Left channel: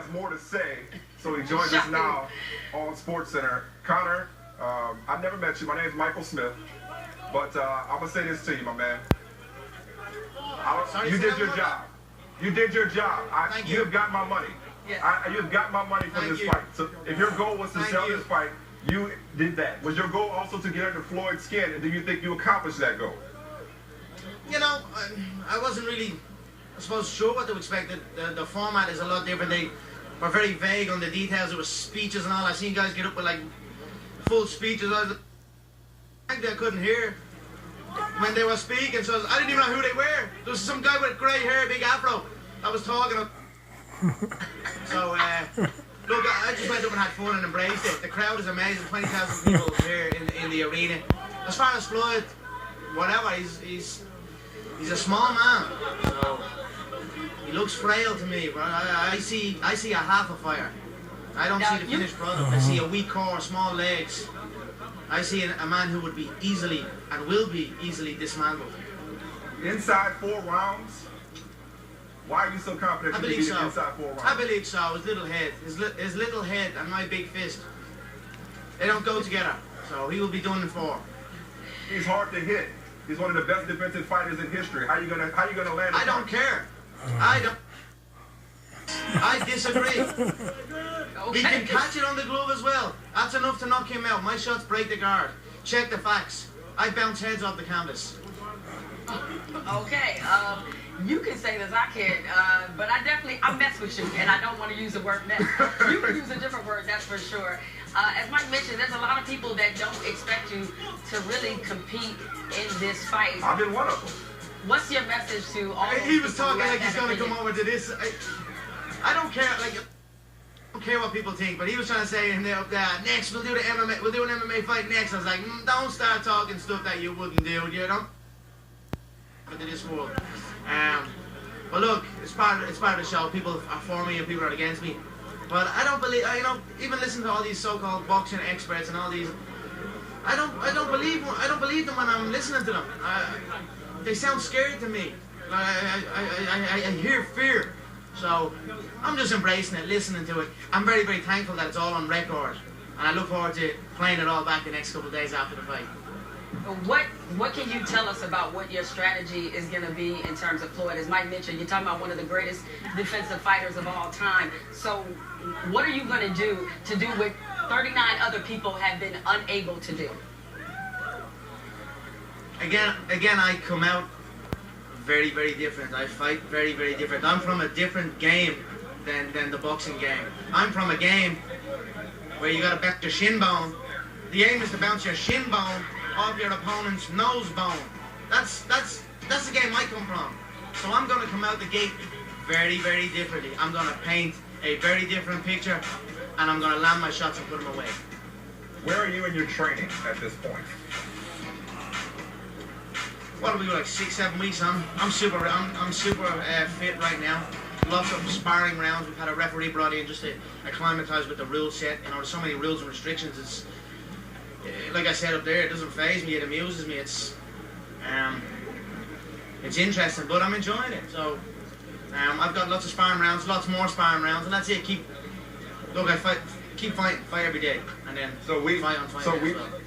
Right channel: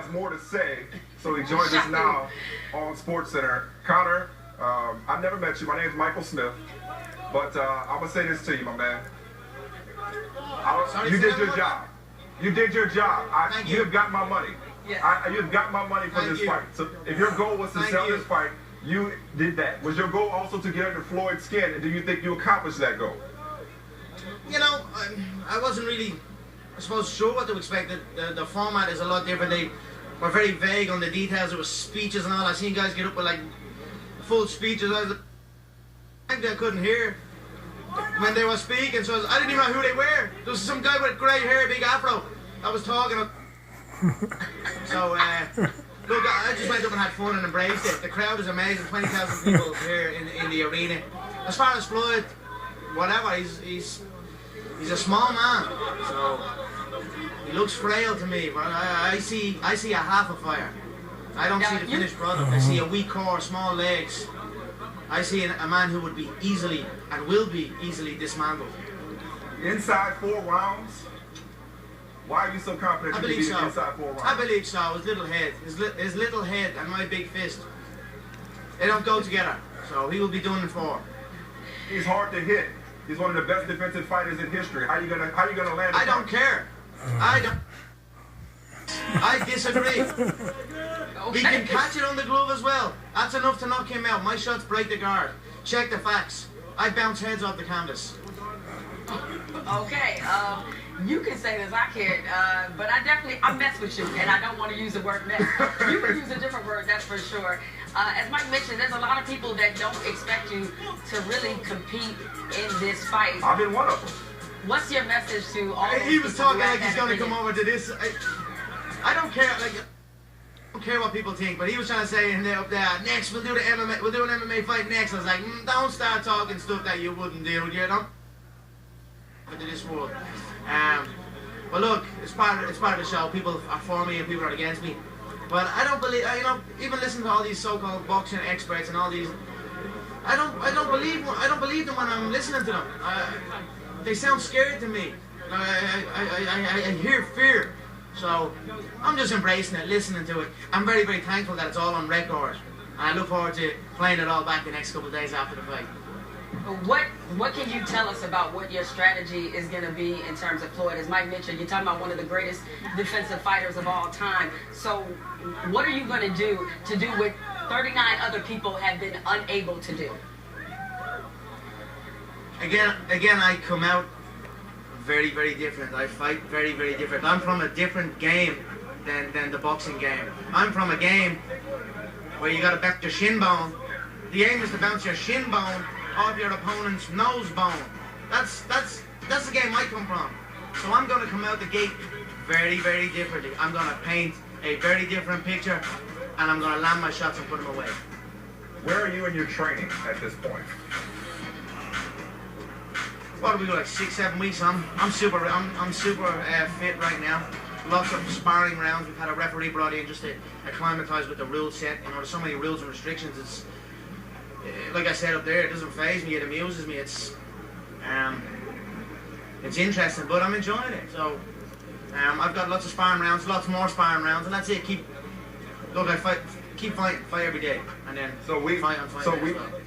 has more to say, so he joins us now on SportsCenter. Connor, I've never met you. My name is Michael Smith, but I'm going to say this to you, my man. You did your job. You did your job. You have got my money. Yes. You have got my money for this fight. So if your goal was to sell this fight, you did that. Was your goal also to get under Floyd's skin, and do you think you accomplished that goal? You know, I wasn't really, I suppose, sure what to expect. The format is a lot different. They were very vague on the details. There was speeches and all. I seen guys get up with like full speeches. I couldn't hear when they were speaking, so I didn't even know who they were. There was some guy with grey hair, big afro, that was talking. So, look, I just went up and had fun and embraced it. The crowd is amazing. 20,000 people here in the arena. As far as Floyd, whatever, he's a small man. So he looks frail to me, but I see a half a fire. I don't see the finished product. I see a weak core, small legs. I see a man who would be easily and will be easily dismantled. Inside 4 rounds? Why are you so confident you can beat him inside 4 rounds? I believe so. His little head. His little head and my big fist. They don't go together. So he will be done in 4. He's hard to hit. He's one of the best defensive fighters in history. How you gonna land? I don't care. I disagree. We can catch it on the glove as well. That's enough to knock him out. My shots break the guard. Check the facts. I bounce heads off the canvas. Okay, you can say this, I can't, but I mess with you, and I don't want to use the word mess. You can use a different word, that's for sure. As Mike mentioned, there's a lot of people that don't expect you to really compete in this fight. I've been one of them. What's your message to all those He was people talking who like have he's that going to come opinion? over to this. I don't care. Like, I don't care what people think, but he was trying to say in there up there, next we'll do the MMA. We'll do an MMA fight next. I was like, don't start talking stuff that you wouldn't do. You don't into this world. But look, it's part of the show. People are for me and people are against me. But I don't believe, even listen to all these so-called boxing experts and all these. I don't believe them when I'm listening to them. They sound scared to me. I hear fear. So I'm just embracing it, listening to it. I'm very, very thankful that it's all on record. And I look forward to playing it all back the next couple of days after the fight. What can you tell us about what your strategy is going to be in terms of Floyd? As Mike mentioned, you're talking about one of the greatest defensive fighters of all time. So what are you going to do what 39 other people have been unable to do? Again, I come out very, very different. I fight very, very different. I'm from a different game than the boxing game. I'm from a game where you got to bounce your shin bone. The aim is to bounce your shin bone off your opponent's nose bone. That's the game I come from. So I'm going to come out the gate very, very differently. I'm going to paint a very different picture, and I'm going to land my shots and put them away. Where are you in your training at this point? What do we go, like 6-7 weeks? I'm super fit right now. Lots of sparring rounds. We've had a referee brought in just to acclimatise with the rule set. You know, there's so many rules and restrictions. It's like I said up there, it doesn't faze me. It amuses me. It's interesting, but I'm enjoying it. So I've got lots of sparring rounds, lots more sparring rounds, and that's it. Keep fighting, fight every day, and then fight on fight.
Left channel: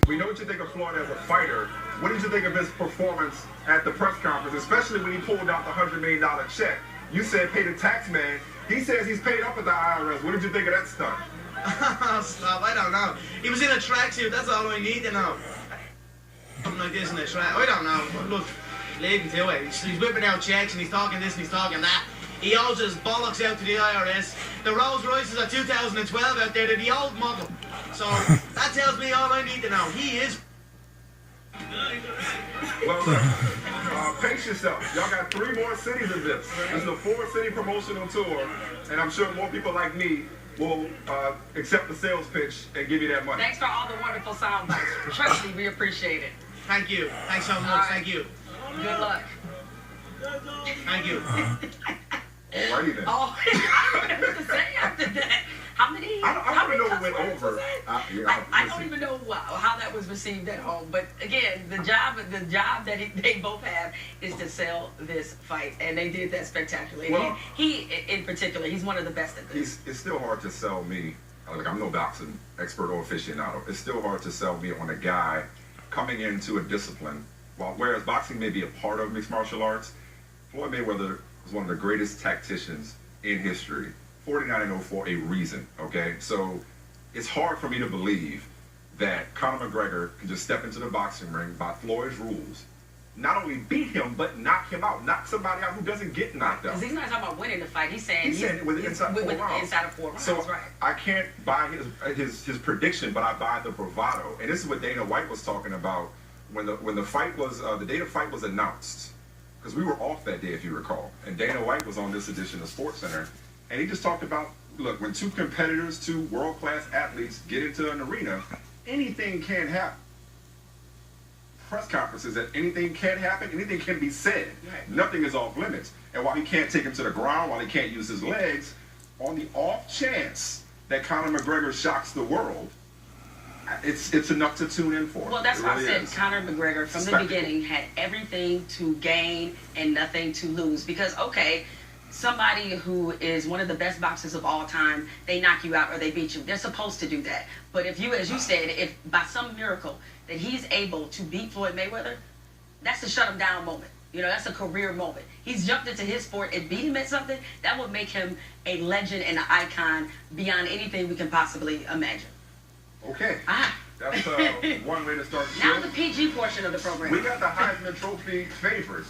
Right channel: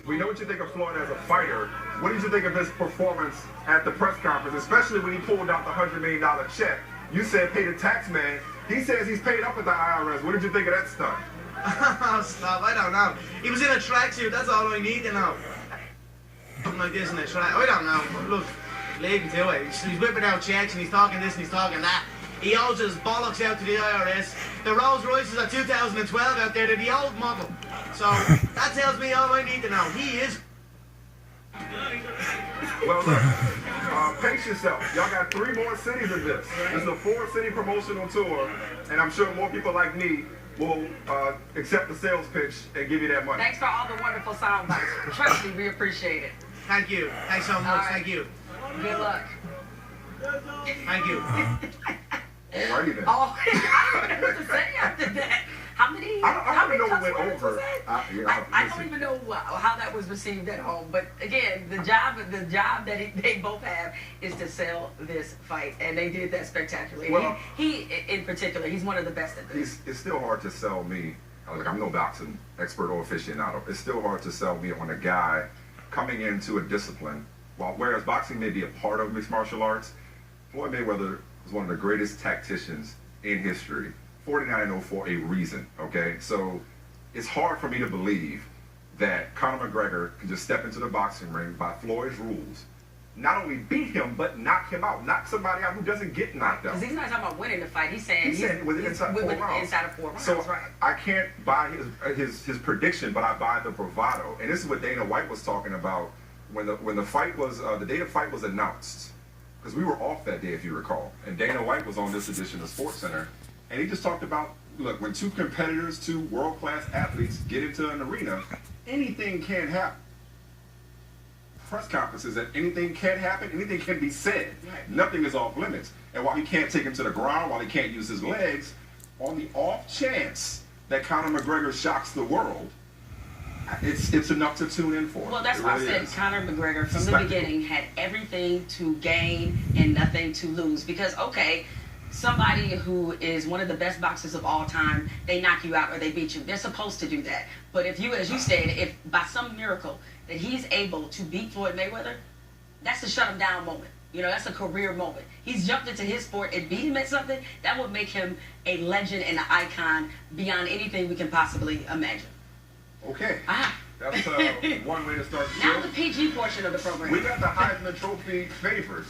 We know what you think of Floyd as a fighter. What did you think of his performance at the press conference, especially when he pulled out the $100 million check? You said pay the tax man. He says he's paid up at the IRS. What did you think of that stunt? Stop, I don't know. He was in a tracksuit, that's all I need to know. Something like this in a track, I don't know. Look, leave him to it. He's whipping out checks and he's talking this and he's talking that. He owes his bollocks out to the IRS. The Rolls Royces are 2012 out there, they're the old model. So that tells me all I need to know. He is. Well, look, pace yourself. Y'all got 3 more cities of this. This is a 4-city promotional tour, and I'm sure more people like me will accept the sales pitch and give you that money. Thanks for all the wonderful sound bites. Trust me, we appreciate it. Thank you. Thanks so much. Right. Thank you. Good luck. Thank you. Alrighty then. Oh, I don't know what to say after that. How many? I don't know what went over. I don't even know how that was received at home, but again, the job that they both have is to sell this fight, and they did that spectacularly. Well, he in particular, he's one of the best at this. It's still hard to sell me. Like, I'm no boxing expert or aficionado. It's still hard to sell me on a guy coming into a discipline. Whereas boxing may be a part of mixed martial arts, Floyd Mayweather was one of the greatest tacticians in history. 49-0 for a reason, okay? So it's hard for me to believe that Conor McGregor can just step into the boxing ring by Floyd's rules, not only beat him, but knock him out, knock somebody out who doesn't get knocked out. Because he's not talking about winning the fight. He's saying inside 4 rounds. Inside of 4 rounds, so right. I can't buy his prediction, but I buy the bravado. And this is what Dana White was talking about when the fight was, the day the fight was announced. Because we were off that day, if you recall. And Dana White was on this edition of SportsCenter. And he just talked about, look, when two competitors, two world-class athletes get into an arena, anything can happen. Press conferences that anything can happen, anything can be said. Right. Nothing is off limits. And while he can't take him to the ground, while he can't use his legs, on the off chance that Conor McGregor shocks the world, it's enough to tune in for. Well, that's why I said Conor McGregor from the beginning had everything to gain and nothing to lose. Because, okay, somebody who is one of the best boxers of all time, they knock you out or they beat you. They're supposed to do that. But if you, as you said, if by some miracle that he's able to beat Floyd Mayweather, that's a shut him down moment. You know, that's a career moment. He's jumped into his sport and beat him at something that would make him a legend and an icon beyond anything we can possibly imagine. Okay. That's one way to start the show. Now the PG portion of the program. We got the Heisman Trophy favorites.